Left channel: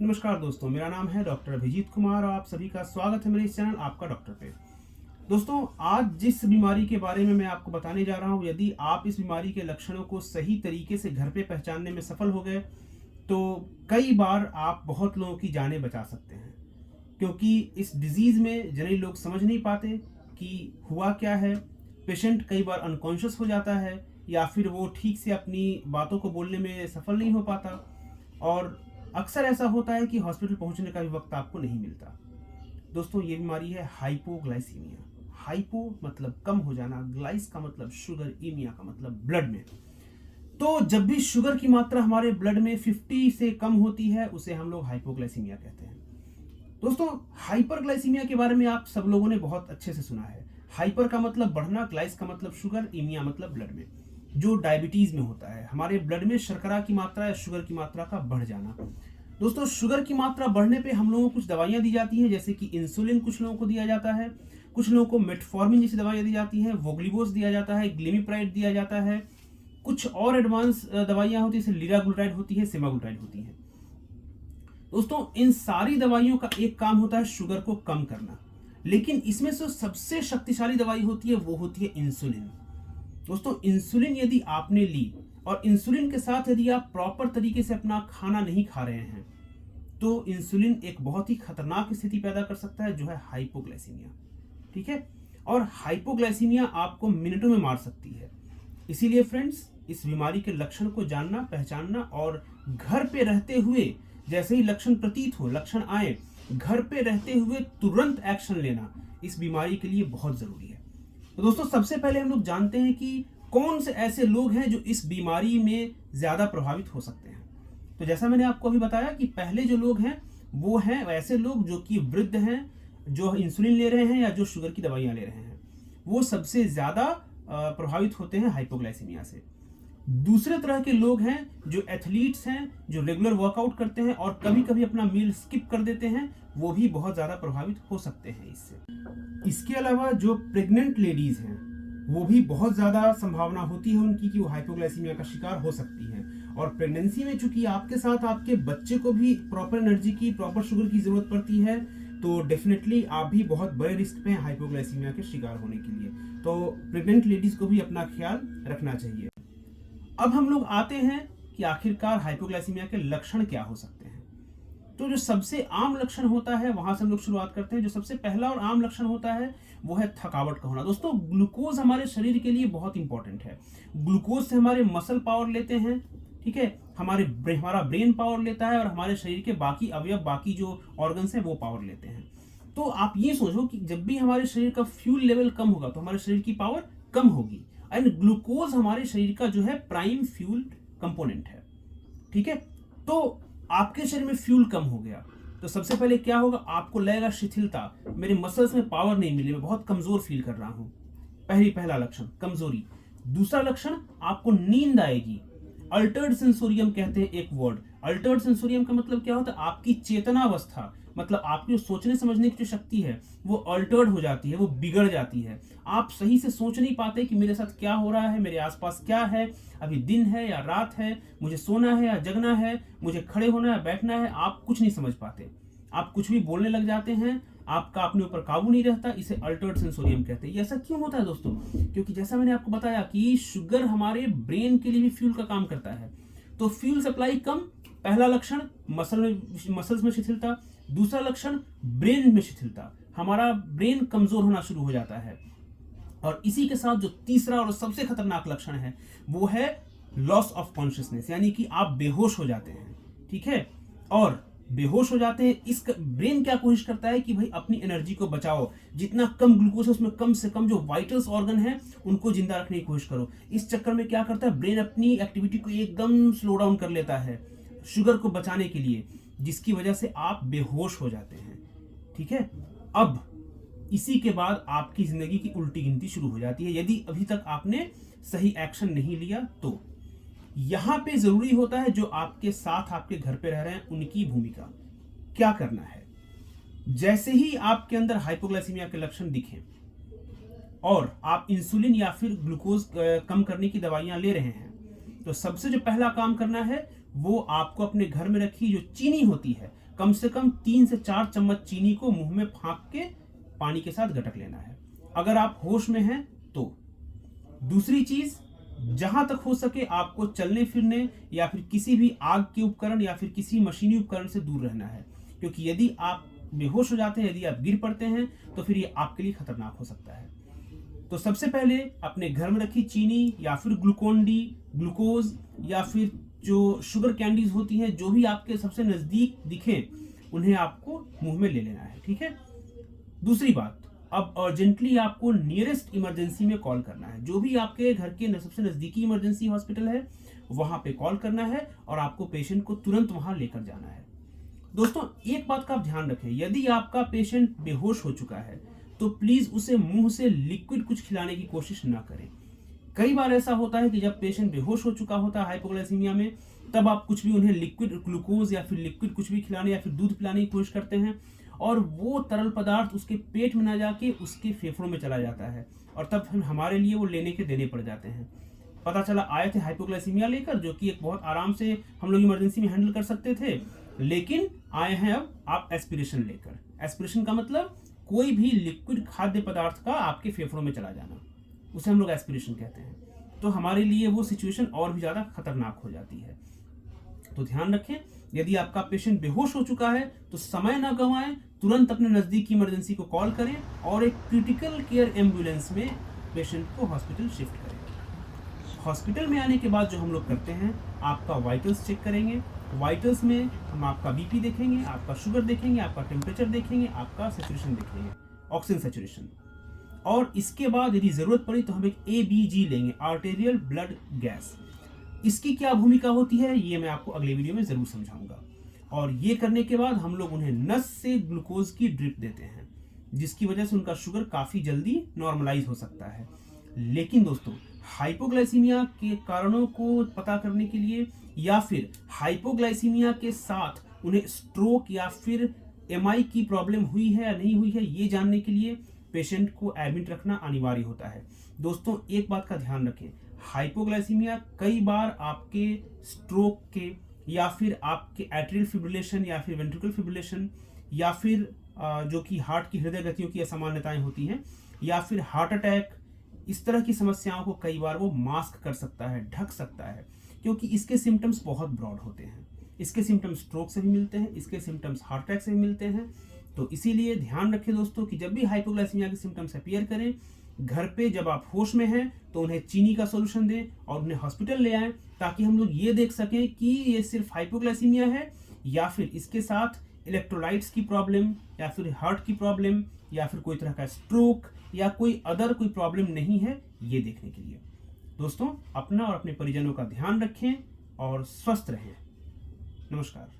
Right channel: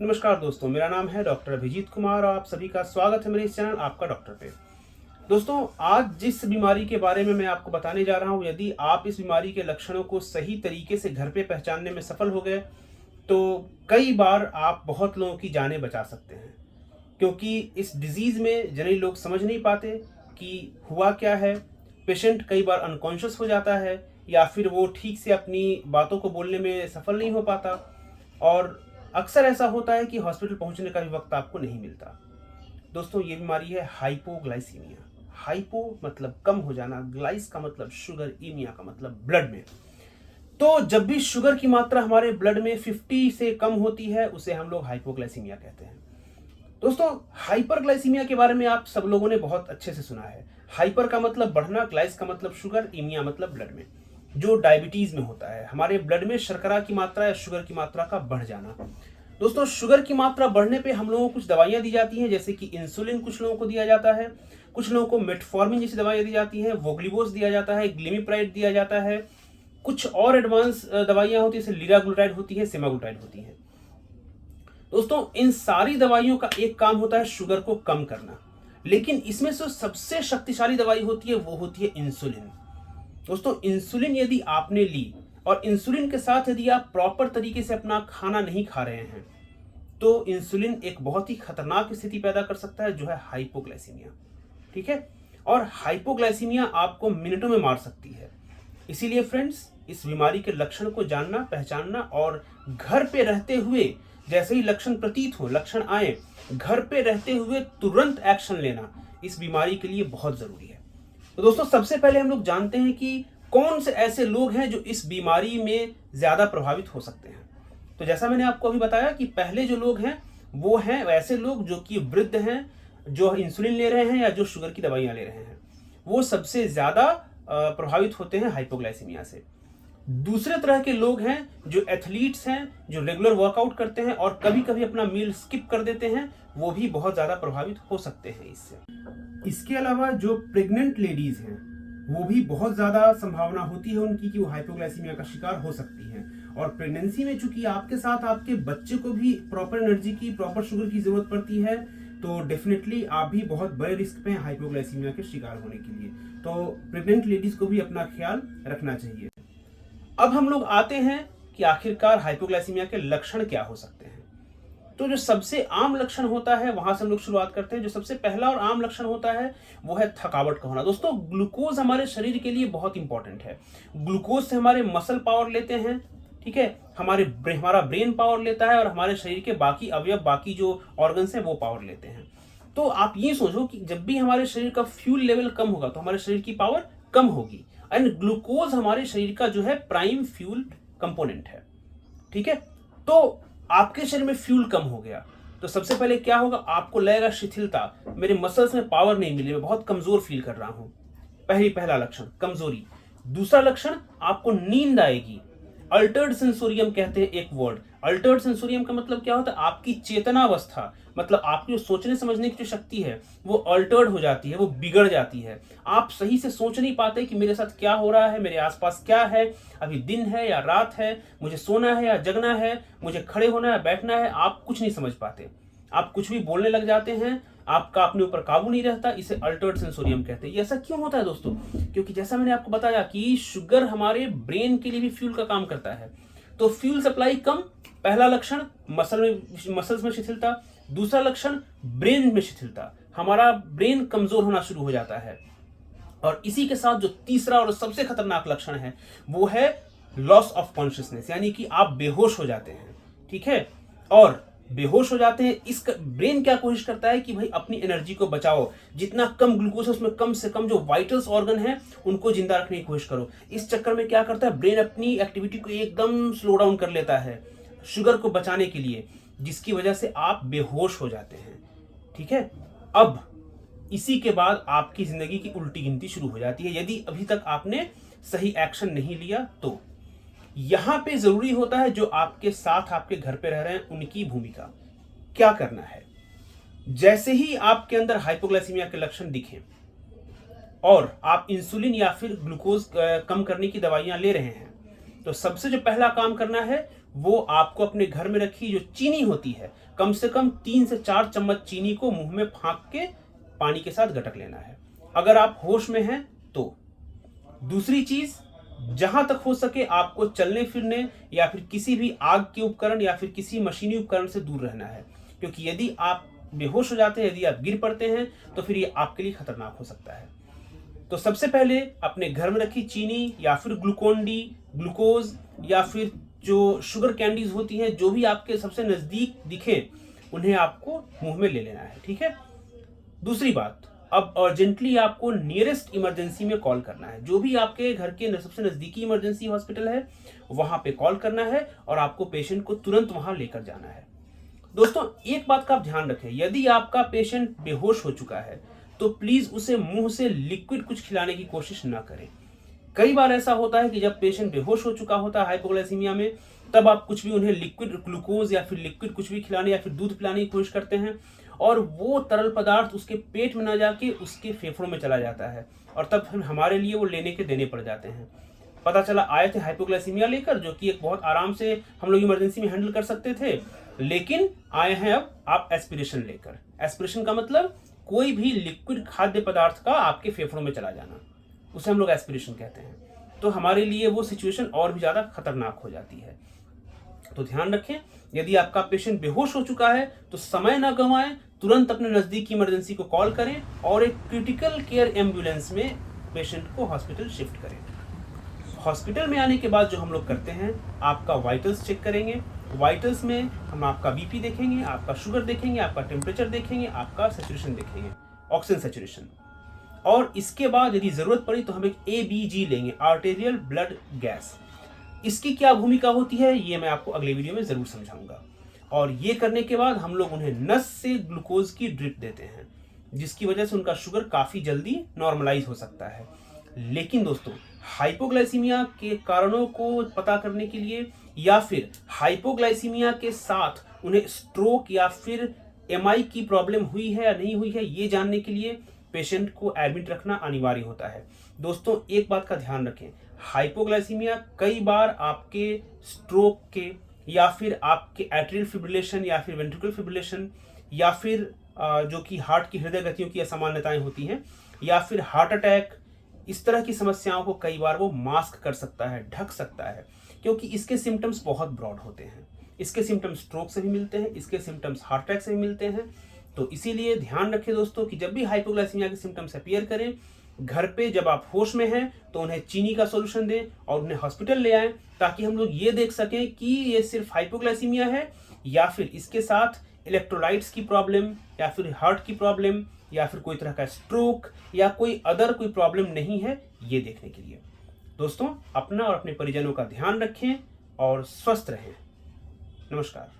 नमस्कार दोस्तों, मेरा नाम है डॉक्टर अभिजीत कुमार और आप सभी का स्वागत है मेरे इस चैनल आपका डॉक्टर पे। दोस्तों, आज जिस बीमारी के बारे में मैं आपको बताने जा रहा हूँ, यदि आप इस बीमारी के लक्षणों को सही तरीके से घर पे पहचानने में सफल हो गए तो कई बार आप बहुत लोगों की जानें बचा सकते हैं। क्योंकि इस डिजीज़ में जनरली लोग समझ नहीं पाते कि हुआ क्या है। पेशेंट कई बार अनकॉन्शियस हो जाता है या फिर वो ठीक से अपनी बातों को बोलने में सफल नहीं हो पाता और अक्सर ऐसा होता है कि हॉस्पिटल पहुंचने का भी वक्त आपको नहीं मिलता। दोस्तों, ये बीमारी है हाइपोग्लाइसीमिया। हाइपो मतलब कम हो जाना, ग्लाइस का मतलब शुगर, ईमिया का मतलब ब्लड में। तो जब भी शुगर की मात्रा हमारे ब्लड में 50 से कम होती है उसे हम लोग हाइपोग्लाइसीमिया कहते हैं। दोस्तों, हाइपरग्लाइसीमिया के बारे में आप सब लोगों ने बहुत अच्छे से सुना है। हाइपर का मतलब बढ़ना, ग्लाइस का मतलब शुगर, ईमिया मतलब ब्लड में, जो डायबिटीज में होता है। हमारे ब्लड में शर्करा की मात्रा या शुगर की मात्रा का बढ़ जाना। दोस्तों, शुगर की मात्रा बढ़ने पे हम लोगों को कुछ दवाइयां दी जाती हैं, जैसे कि इंसुलिन कुछ लोगों को दिया जाता है, कुछ लोगों को मेटफॉर्मिन जैसी दवाइयां दी जाती हैं, वोग्लिबोस दिया जाता है, ग्लिमिप्राइड दिया जाता है, कुछ और एडवांस दवाइयां होती है जैसे लिराग्लुटाइड होती है, सेमाग्लुटाइड होती है। दोस्तों, इन सारी दवाइयों का एक काम होता है शुगर को कम करना, लेकिन इसमें से सबसे शक्तिशाली दवाई होती है वो होती है इंसुलिन। दोस्तों, इंसुलिन यदि आपने ली और इंसुलिन के साथ यदि आप प्रॉपर तरीके से अपना खाना नहीं खा रहे हैं तो इंसुलिन एक बहुत ही खतरनाक स्थिति पैदा कर सकता है, जो है हाइपोग्लाइसीमिया। ठीक है, और हाइपोग्लाइसीमिया आपको मिनटों में मार सकती है। इसीलिए फ्रेंड्स, इस बीमारी के लक्षण को जानना, पहचानना और घर पे रहते हुए जैसे ही लक्षण प्रतीत हो, लक्षण आए, घर पे रहते हुए तुरंत एक्शन लेना इस बीमारी के लिए बहुत जरूरी है। तो दोस्तों, सबसे पहले हम लोग जानते हैं कि कौन से ऐसे लोग हैं जो इस बीमारी में ज्यादा प्रभावित हो सकते हैं। तो जैसा मैंने आपको अभी बताया कि पहले जो लोग हैं वो हैं ऐसे लोग जो कि वृद्ध हैं, जो इंसुलिन ले रहे हैं या जो शुगर की दवाइयां ले रहे हैं, वो सबसे ज्यादा प्रभावित होते हैं हाइपोग्लाइसीमिया से। दूसरे तरह के लोग हैं जो एथलीट्स हैं, जो रेगुलर वर्कआउट करते हैं और कभी कभी अपना मील स्किप कर देते हैं, वो भी बहुत ज्यादा प्रभावित हो सकते हैं इससे। इसके अलावा जो प्रेग्नेंट लेडीज हैं वो भी बहुत ज्यादा संभावना होती है उनकी कि वो हाइपोग्लाइसीमिया का शिकार हो सकती हैं। और प्रेगनेंसी में चूंकि आपके साथ आपके बच्चे को भी प्रॉपर एनर्जी की, प्रॉपर शुगर की जरूरत पड़ती है, तो डेफिनेटली आप भी बहुत बड़े रिस्क पे हैं हाइपोग्लाइसीमिया के शिकार होने के लिए। तो प्रेग्नेंट लेडीज को भी अपना ख्याल रखना चाहिए। अब हम लोग आते हैं कि आखिरकार हाइपोग्लाइसीमिया के लक्षण क्या हो सकते हैं। तो जो सबसे आम लक्षण होता है वहां से हम लोग शुरुआत करते हैं। जो सबसे पहला और आम लक्षण होता है वो है थकावट का होना। दोस्तों, ग्लूकोज हमारे शरीर के लिए बहुत इंपॉर्टेंट है। ग्लूकोज से हमारे मसल पावर लेते हैं, ठीक है, हमारा ब्रेन पावर लेता है और हमारे शरीर के बाकी अवयव, बाकी जो ऑर्गन्स हैं वो पावर लेते हैं। तो आप ये सोचो कि जब भी हमारे शरीर का फ्यूल लेवल कम होगा तो हमारे शरीर की पावर कम होगी। एंड ग्लूकोज हमारे शरीर का जो है प्राइम फ्यूल कंपोनेंट है। ठीक है, तो आपके शरीर में फ्यूल कम हो गया तो सबसे पहले क्या होगा, आपको लगेगा शिथिलता, मेरे मसल्स में पावर नहीं मिली, मैं बहुत कमजोर फील कर रहा हूं। पहला लक्षण कमजोरी। दूसरा लक्षण, आपको नींद आएगी। अल्टर्ड सेंसोरियम कहते हैं एक वर्ड। अल्टर्ड सेंसोरियम का मतलब क्या होता है, आपकी चेतनावस्था, मतलब आपकी जो सोचने समझने की जो शक्ति है वो अल्टर्ड हो जाती है, वो बिगड़ जाती है। आप सही से सोच नहीं पाते कि मेरे साथ क्या हो रहा है, मेरे आसपास क्या है, अभी दिन है या रात है, मुझे सोना है या जगना है, मुझे खड़े होना है या बैठना है, आप कुछ नहीं समझ पाते। आप कुछ भी बोलने लग जाते हैं, आपका अपने ऊपर काबू नहीं रहता। इसे अल्टर्ड सेंसोरियम कहते हैं। ये ऐसा क्यों होता है दोस्तों? क्योंकि जैसा मैंने आपको बताया कि शुगर हमारे ब्रेन के लिए भी फ्यूल का काम करता है। तो फ्यूल सप्लाई कम, पहला लक्षण मसल्स में शिथिलता। दूसरा लक्षण ब्रेन में शिथिलता, हमारा ब्रेन कमजोर होना शुरू हो जाता है। और इसी के साथ जो तीसरा और सबसे खतरनाक लक्षण है वो है लॉस ऑफ कॉन्शियसनेस, यानी कि आप बेहोश हो जाते हैं। ठीक है, और बेहोश हो जाते हैं, इस ब्रेन क्या कोशिश करता है कि भाई अपनी एनर्जी को बचाओ, जितना कम ग्लूकोज है उसमें कम से कम जो वाइटल्स ऑर्गन है उनको जिंदा रखने की कोशिश करो। इस चक्कर में क्या करता है, ब्रेन अपनी एक्टिविटी को एकदम स्लो डाउन कर लेता है शुगर को बचाने के लिए, जिसकी वजह से आप बेहोश हो जाते हैं। ठीक है, अब इसी के बाद आपकी जिंदगी की उल्टी गिनती शुरू हो जाती है यदि अभी तक आपने सही एक्शन नहीं लिया तो। यहां पे जरूरी होता है जो आपके साथ आपके घर पे रह रहे हैं उनकी भूमिका। क्या करना है, जैसे ही आपके अंदर हाइपोग्लाइसीमिया के लक्षण दिखें और आप इंसुलिन या फिर ग्लूकोज कम करने की दवाइयां ले रहे हैं, तो सबसे जो पहला काम करना है वो आपको अपने घर में रखी जो चीनी होती है, कम से कम 3 से 4 चम्मच चीनी को मुंह में फांक के पानी के साथ गटक लेना है, अगर आप होश में हैं तो। दूसरी चीज, जहां तक हो सके आपको चलने फिरने या फिर किसी भी आग के उपकरण या फिर किसी मशीनी उपकरण से दूर रहना है, क्योंकि यदि आप बेहोश हो जाते हैं, यदि आप गिर पड़ते हैं, तो फिर ये आपके लिए खतरनाक हो सकता है। तो सबसे पहले अपने घर में रखी चीनी या फिर ग्लूकोन डी, ग्लूकोज या फिर जो शुगर कैंडीज होती हैं, जो भी आपके सबसे नजदीक दिखे, उन्हें आपको मुंह में ले लेना है, ठीक है। दूसरी बात, अब अर्जेंटली आपको नियरेस्ट इमरजेंसी में कॉल करना है। जो भी आपके घर के सबसे नजदीकी इमरजेंसी हॉस्पिटल है, वहां पे कॉल करना है और आपको पेशेंट को तुरंत वहां लेकर जाना है। दोस्तों, एक बात का आप ध्यान रखें, यदि आपका पेशेंट बेहोश हो चुका है तो प्लीज उसे मुंह से लिक्विड कुछ खिलाने की कोशिश ना करें। कई बार ऐसा होता है कि जब पेशेंट बेहोश हो चुका होता है हाइपोग्लाइसीमिया में, तब आप कुछ भी उन्हें लिक्विड ग्लूकोज या फिर लिक्विड कुछ भी खिलाने या फिर दूध पिलाने की कोशिश करते हैं, और वो तरल पदार्थ उसके पेट में ना जाके उसके फेफड़ों में चला जाता है, और तब फिर हमारे लिए वो लेने के देने पड़ जाते हैं। पता चला आए थे हाइपोग्लाइसीमिया लेकर, जो कि एक बहुत आराम से हम लोग इमरजेंसी में हैंडल कर सकते थे, लेकिन आए हैं अब आप एस्पिरेशन लेकर। एस्पिरेशन का मतलब कोई भी लिक्विड खाद्य पदार्थ का आपके फेफड़ों में चला जाना, उसे हम लोग एस्पिरेशन कहते हैं। तो हमारे लिए वो सिचुएशन और भी ज़्यादा खतरनाक हो जाती है। तो ध्यान रखें, यदि आपका पेशेंट बेहोश हो चुका है तो समय ना गंवाएं, तुरंत अपने नज़दीकी इमरजेंसी को कॉल करें और एक क्रिटिकल केयर एम्बुलेंस में पेशेंट को हॉस्पिटल शिफ्ट करें। हॉस्पिटल में आने के बाद जो हम लोग करते हैं, आपका वाइटल्स चेक करेंगे। वाइटल्स में हम आपका बीपी देखेंगे, आपका शुगर देखेंगे, आपका टेम्परेचर देखेंगे, आपका सैचुरेशन देखेंगे, ऑक्सीजन सैचुरेशन। और इसके बाद यदि ज़रूरत पड़ी तो हम एक ABG लेंगे, आर्टेरियल ब्लड गैस। इसकी क्या भूमिका होती है ये मैं आपको अगले वीडियो में ज़रूर समझाऊंगा। और ये करने के बाद हम लोग उन्हें नस से ग्लूकोज की ड्रिप देते हैं, जिसकी वजह से उनका शुगर काफ़ी जल्दी नॉर्मलाइज हो सकता है। लेकिन दोस्तों, हाइपोग्लाइसीमिया के कारणों को पता करने के लिए या फिर हाइपोग्लाइसीमिया के साथ उन्हें स्ट्रोक या फिर MI की प्रॉब्लम हुई है या नहीं हुई है, ये जानने के लिए पेशेंट को एडमिट रखना अनिवार्य होता है। दोस्तों, एक बात का ध्यान रखें, हाइपोग्लाइसीमिया कई बार आपके स्ट्रोक के या फिर आपके एट्रियल फिब्रिलेशन या फिर वेंट्रिकुलर फिब्रिलेशन या फिर जो कि हार्ट की हृदय गतियों की असामान्यताएं होती हैं या फिर हार्ट अटैक, इस तरह की समस्याओं को कई बार वो मास्क कर सकता है, ढक सकता है, क्योंकि इसके सिम्टम्स बहुत ब्रॉड होते हैं। इसके सिम्टम्स स्ट्रोक से भी मिलते हैं, इसके सिम्टम्स हार्ट अटैक से भी मिलते हैं। तो इसीलिए ध्यान रखें दोस्तों कि जब भी हाइपोग्लाइसीमिया के सिम्टम्स अपीयर करें, घर पे जब आप होश में हैं तो उन्हें चीनी का सॉल्यूशन दें और उन्हें हॉस्पिटल ले आएं, ताकि हम लोग ये देख सकें कि ये सिर्फ हाइपोग्लाइसीमिया है या फिर इसके साथ इलेक्ट्रोलाइट्स की प्रॉब्लम या फिर हार्ट की प्रॉब्लम या फिर कोई तरह का स्ट्रोक या कोई अदर कोई प्रॉब्लम नहीं है, ये देखने के लिए। दोस्तों, अपना और अपने परिजनों का ध्यान रखें और स्वस्थ रहें। नमस्कार।